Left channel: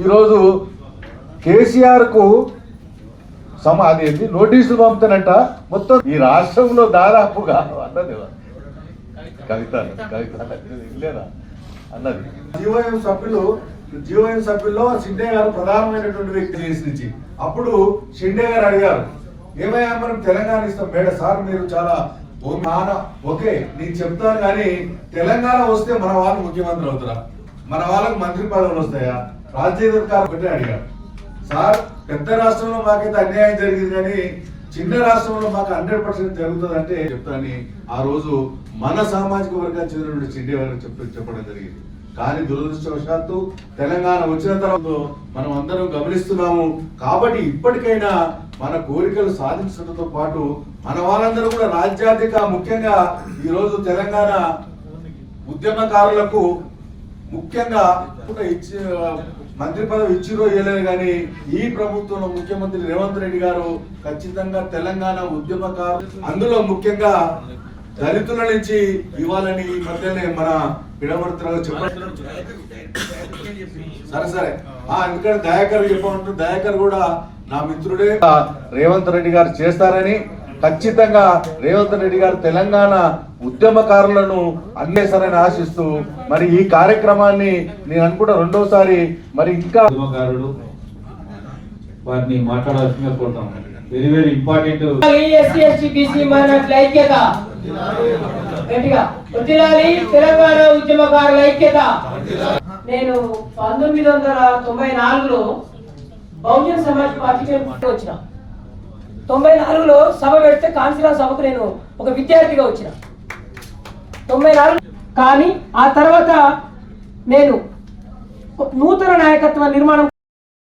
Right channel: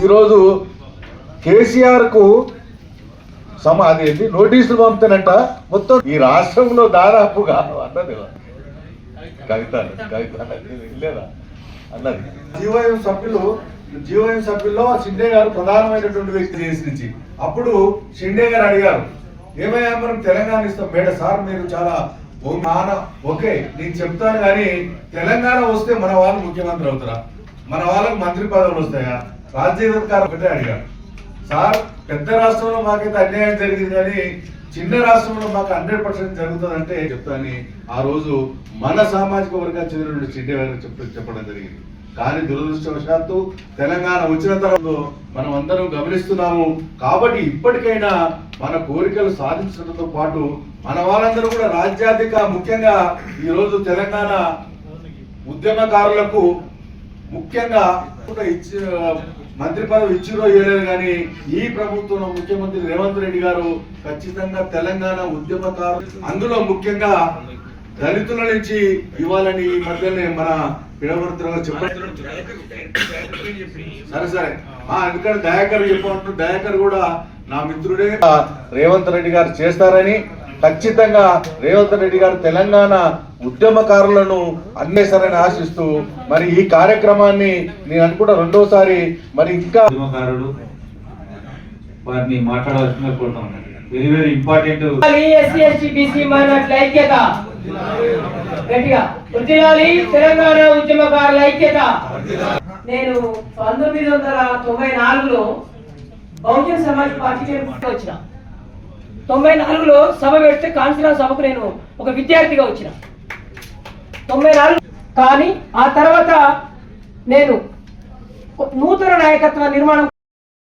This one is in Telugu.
ఈరోజు కేసీఆర్కు సమ అదేంటి నోటీసులు పంపుతానంట. మొత్తం ఈ రాష్ట్రంలో దాదాపుగా అన్నది. కవిత కవిత అన్నది అన్నది. జీవోఎం సభ్యులు జీవోఎం సభ్యుల్లో షిండే గారు ప్రధానమైనటువంటి వ్యక్తి దేశం నుంచి. అప్పుడు షిండే గారు అడిగారు ఏమయ్యా మనం తెలంగాణ ఇస్తాం. మేడ సార్ మీరు చాలా భూమి ఓకే నేను చెప్తాను కానీ తెలంగాణ వస్తే మన వాళ్ళు ముఖ్యమంత్రి అవుతారా? మన వాళ్ళకి మంత్రి పదవులు వస్తాయా? రాజ్యాధికారం ఒకటే అడిగారు సార్ పెద్ద రాష్ట్రంలో మాకైతే అన్యాయం జరిగింది కానీ చిన్న రాష్ట్రంలో మాకు హండ్రెడ్ పర్సెంట్ జరుగుతుంది అంటే చెప్తాని ఆ రోజు మన సామాజిక వర్గానికి చెందిన చిట్టి గారు చెప్పడం జరిగింది. కానీ దురదృష్టవశాత్తు తెలంగాణ వచ్చిన తర్వాత మనం అందరం గమనిస్తున్నాము. కాబట్టి ఇప్పటికైనా మన కోరికలు సాధించడంతో పాటు మన వాళ్ళందరూ కూడా రాజ్యాధిక ముఖ్యంగా ఈ రోజు తెలంగాణ ఉద్యమకారులకు ముఖ్యంగా కూడా ఇచ్చి మంత్రి పదవి ఇచ్చిరో ఇవ్వలేదు కానీ ఈ ప్రభుత్వంలో ముఖ్యమంత్రి రేవంత్ రెడ్డి గారు ఖచ్చితంగా తెలంగాణ ఉద్యమకారు. అందులో ముఖ్యంగా దళితుల నుంచి ఇవ్వాలని ఈ మధ్యనే మన పిడవర్తన చెప్పారు. సరే సరే. ఆ ఎందుకంటే దయాకర్ చెప్పమంటారు దయాకర్ కూడా నా మిత్రుడే. రేవంత్ రెడ్డి గారు చేస్తారని ఖచ్చితంగా రేవంత్ రెడ్డి గారు తెలంగాణ ఉద్యమకారులను అందేస్తారని ఆశిస్తూ మరి ఈ కార్యక్రమాన్ని నేను అనుకుంటా రెండోసారి మరి ఇంకా ఉద్యమకారుడు వారిని మాట్లాడాల్సిందిగా కోరుతాం వెరీ వెరీ ఇంపార్టెంట్ ఐక్యత. తెలంగాణ ఉద్యమకారుల ఐక్యత. నేను పంతొమ్మిది వందల తొంభై నాలుగులో బహుజన్ సమాజ్ పార్టీకి నేను వచ్చిన. తొంభై నాలుగులో సభ పెడితే కాన్ఫరెన్స్ సభకు నేను ఒక విద్యార్థిగా వచ్చిన. తొంభై నాలుగు. కానీ ఆ తర్వాత నేను నూతన నాయకత్వ నిర్మాణం